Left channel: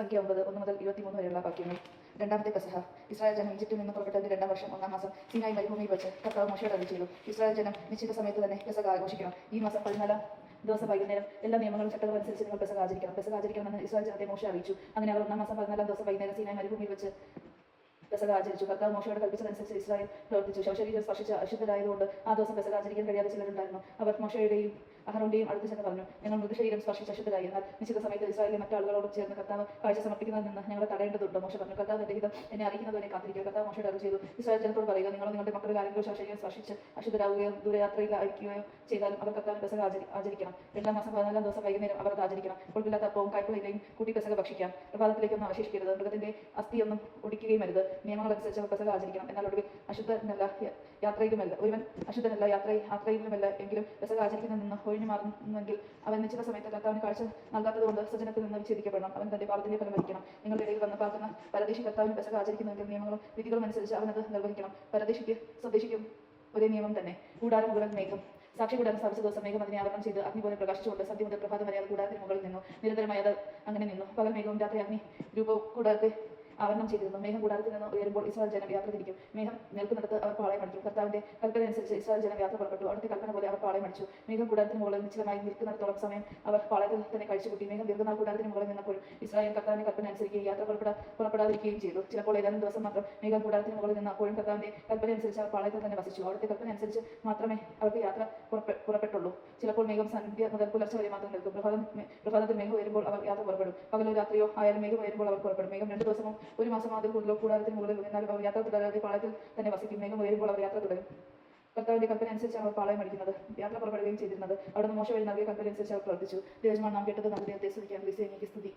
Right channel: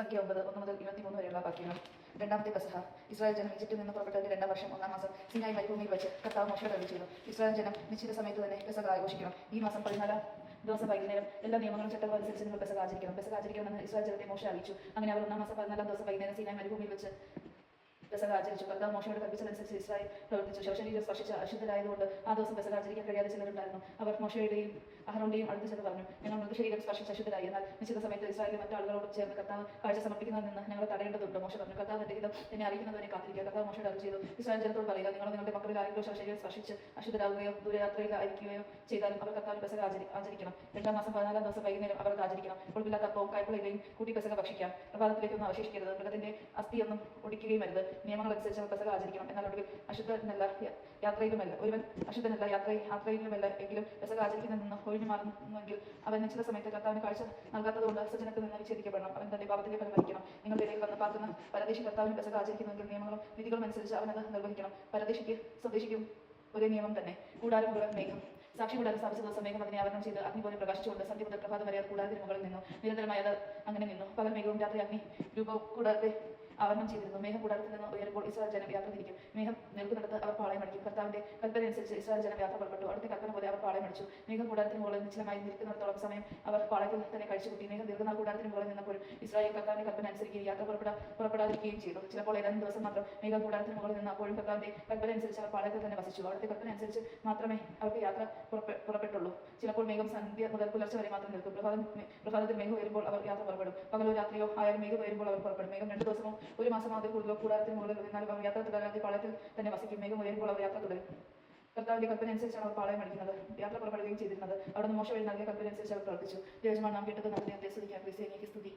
സംഖ്യ 9, 1 മുതൽ 23 വരെയുള്ള വാക്യങ്ങൾ. രണ്ടാമത്തെ പെസഹ. ഇസ്രായേൽ ജനം ഈജിപ്തിൽ നിന്ന് പുറപ്പെട്ടതിന്റെ 2-ാം വർഷം 1-ാം മാസം സീനായി മരുഭൂമിയിൽ വെച്ച് കർത്താവ് മോശയോട് അരുളിച്ചെയ്തു, ഇസ്രായേൽ ജനം നിശ്ചിത സമയത്ത് തന്നെ പെസഹ ആഘോഷിക്കണം. ഈ മാസം 14-ാം ദിവസം വൈകുന്നേരം എല്ലാ നിയമങ്ങളും ചട്ടങ്ങളും അനുസരിച്ച് നിങ്ങൾ പെസഹ ആചരിക്കണം. പെസഹ ആചരിക്കണമെന്ന് ഇസ്രായേൽ ജനത്തെ മോശ അറിയിച്ചു. അങ്ങനെ അവർ 1-ാം മാസം 14-ാം ദിവസം വൈകുന്നേരം സീനായി മരുഭൂമിയിൽ വെച്ച് പെസഹ ആചരിച്ചു. കർത്താവ് മോശയോട് കൽപ്പിച്ചതനുസരിച്ച് ഇസ്രായേൽ പ്രവർത്തിച്ചു. ശവശരീരം സ്പർശിച്ച് അശുദ്ധരായതുകൊണ്ട് ആ ദിവസം പെസഹ ആചരിക്കാൻ കഴിയാതെ ചിലരുണ്ടായിരുന്നു. അവർ മോശയുടെയും അഹറോന്റെയും അടുത്ത് ചെന്ന് പറഞ്ഞു, ഞങ്ങൾ മൃതശരീരം സ്പർശിച്ച് അശുദ്ധരായി. എന്നാൽ നിശ്ചിത സമയത്ത് ഇസ്രായേലിലെ മറ്റാളുകളോട് ചേർന്ന് കർത്താവ് കാഴ്ച സമർപ്പിക്കുന്നതിൽ നിന്ന് ഞങ്ങൾ തടയേണ്ടതുണ്ട്. മോശ പറഞ്ഞു, കർത്താവ് എന്റെ ഹിതം എന്നെ അറിയിക്കുന്നതിനെ കാത്തിരിക്കുക. കർത്താവ് മോശയോട് അറിയിച്ചു ചെയ്തു, ഇസ്രായേൽ ജനത്തോട് പറയുക, നിങ്ങൾ നിങ്ങളുടെ മക്കളിൽ ആരെങ്കിലും ശവശരീരം സ്പർശിച്ച് അശുദ്ധരാകുകയോ ദൂരയാത്രയിൽ അയക്കുകയോ ചെയ്താലും അവർ കർത്താവിന് പെസഹ ആചരിക്കണം. 2-ാം മാസം 14-ാം ദിവസം വൈകുന്നേരം അവർ അത് ആചരിക്കണം. ഒടുവില്ലാത്ത അപ്പവും കായ്പളയിലേക്കും കൂട്ടി പെസഹ ഭക്ഷിക്കാം. പ്രഭാതത്തിലേക്കൊന്നും അവശേഷിക്കരുത്. മൃഗത്തിന്റെ അസ്ഥിയൊന്നും ഒടിക്കുകയും അരുത്. നിയമങ്ങളനുസരിച്ച് പെസഹ ആചരിക്കണം. എന്നാൽ ഒടുവിൽ അശുദ്ധനല്ല യാത്രയിലുമല്ല ഒരുവൻ അശുദ്ധനല്ല യാത്രയിലുമല്ല എങ്കിലും പെസഹ ആചരിക്കുന്നതിൽ നിന്ന് ഒഴിഞ്ഞു മാറുമെങ്കിൽ അവൻ നിശ്ചിത സമയത്ത് കർത്താവിന് കാഴ്ച നൽകാത്തതുകൊണ്ട് സജ്ജനത്തിൽ നിന്ന് വിച്ഛേദിക്കപ്പെടണം. അവൻ തന്റെ പാപത്തിന്റെ ഫലം വഹിക്കണം. നിങ്ങളുടെ ഇടയിൽ വന്ന് പാർക്കുന്ന പരദേശി കർത്താവിന് പെസഹ ആചരിക്കുന്നെങ്കിൽ നിയമങ്ങളും വിധികളും അനുസരിച്ച് അവനത് നിർവഹിക്കണം. പരദേശിക്ക് സ്വദേശിക്കും ഒരേ നിയമം തന്നെ. കൂടാരം മുകളിൽ മേഘം. സാക്ഷി കൂടാരം സ്ഥാപിച്ച ദിവസം മേഘം അതിനെ ആവരണം ചെയ്ത് അഗ്നി പോലെ പ്രകാശിച്ചുകൊണ്ട് സന്ധ്യ മുതൽ പ്രഭാതം വരെ അത് കൂടാരത്തിന് മുകളിൽ നിന്നു. നിരന്തരമായി അത് അങ്ങനെ നിന്നു. പകൽ മേഘവും രാത്രി അഗ്നി രൂപവും കൂടാരത്തെ ആവരണം ചെയ്തിരുന്നു. മേഘം കൂടാരത്തിൽ നിന്ന് ഉയരുമ്പോൾ ഇസ്രായേൽ ജനം യാത്ര തിരിക്കും. മേഘം നിൽക്കുന്നിടത്ത് അവർ പാളയം അടിക്കും. കർത്താവിന്റെ കൽപ്പന അനുസരിച്ച് ഇസ്രായേൽ ജനം യാത്ര പുറപ്പെട്ടു. അവിടുത്തെ കൽപ്പന പോലെ അവർ പാളയം അടിച്ചു. മേഘം കൂടാരത്തിന് മുകളിൽ നിശ്ചലമായി നിൽക്കുന്നിടത്തോളം സമയം അവർ പാളയത്തിൽ തന്നെ കഴിച്ചുകൂട്ടി. മേഘം ദീർഘനാൾ കൂടാരത്തിന് മുകളിൽ നിന്നപ്പോഴും ഇസ്രായേൽ കർത്താവിന്റെ കൽപ്പന അനുസരിക്കുകയും യാത്ര പുറപ്പെടാതിരിക്കുകയും ചെയ്തു. ചിലപ്പോൾ ഏതാനും ദിവസം മാത്രം മേഘം കൂടാരത്തിന് മുകളിൽ നിന്ന് അപ്പോഴും കർത്താവിന്റെ കൽപ്പന അനുസരിച്ച് അവർ പാളയത്തിൽ തന്നെ വസിച്ചു. അവിടുത്തെ കൽപ്പന അനുസരിച്ച് മാത്രമേ അവർക്ക് യാത്ര പുറപ്പെട്ടുള്ളൂ. ചിലപ്പോൾ മേഘം സന്ധ്യ മുതൽ പുലർച്ചെ വരെ മാത്രം നിൽക്കും. പ്രഭാതത്തിൽ മേഘം ഉയരുമ്പോൾ അവർ യാത്ര പുറപ്പെടും. പകലോ രാത്രിയോ ആയാലും മേഘം ഉയരുമ്പോൾ അവർ പുറപ്പെടും. മേഘം 2 ദിവസവും 1 മാസം അതിൽ കൂടാരത്തിന് മുകളിൽ നിന്നാൽ അവർ യാത്ര തുടരാതെ പാളയത്തിൽ തന്നെ വസിക്കും. മേഘം ഉയരുമ്പോൾ അവർ യാത്ര തുടരും. കർത്താവിന്റെ കൽപ്പന അനുസരിച്ചാണ് അവർ പാളയം അടിക്കുന്നത്, യാത്ര പുറപ്പെടുകയും ചെയ്തിരുന്നത്. അവിടുന്ന് മോശ വഴി നൽകിയ കൽപ്പന അനുസരിച്ച് അവർ പ്രവർത്തിച്ചു. ദൈവമാണ് നാം കേട്ടത്. നമ്മുടെ ദൈവത്തെ സ്തുതിക്കാം. ക്രിസ്തുവിനെ സ്തുതി.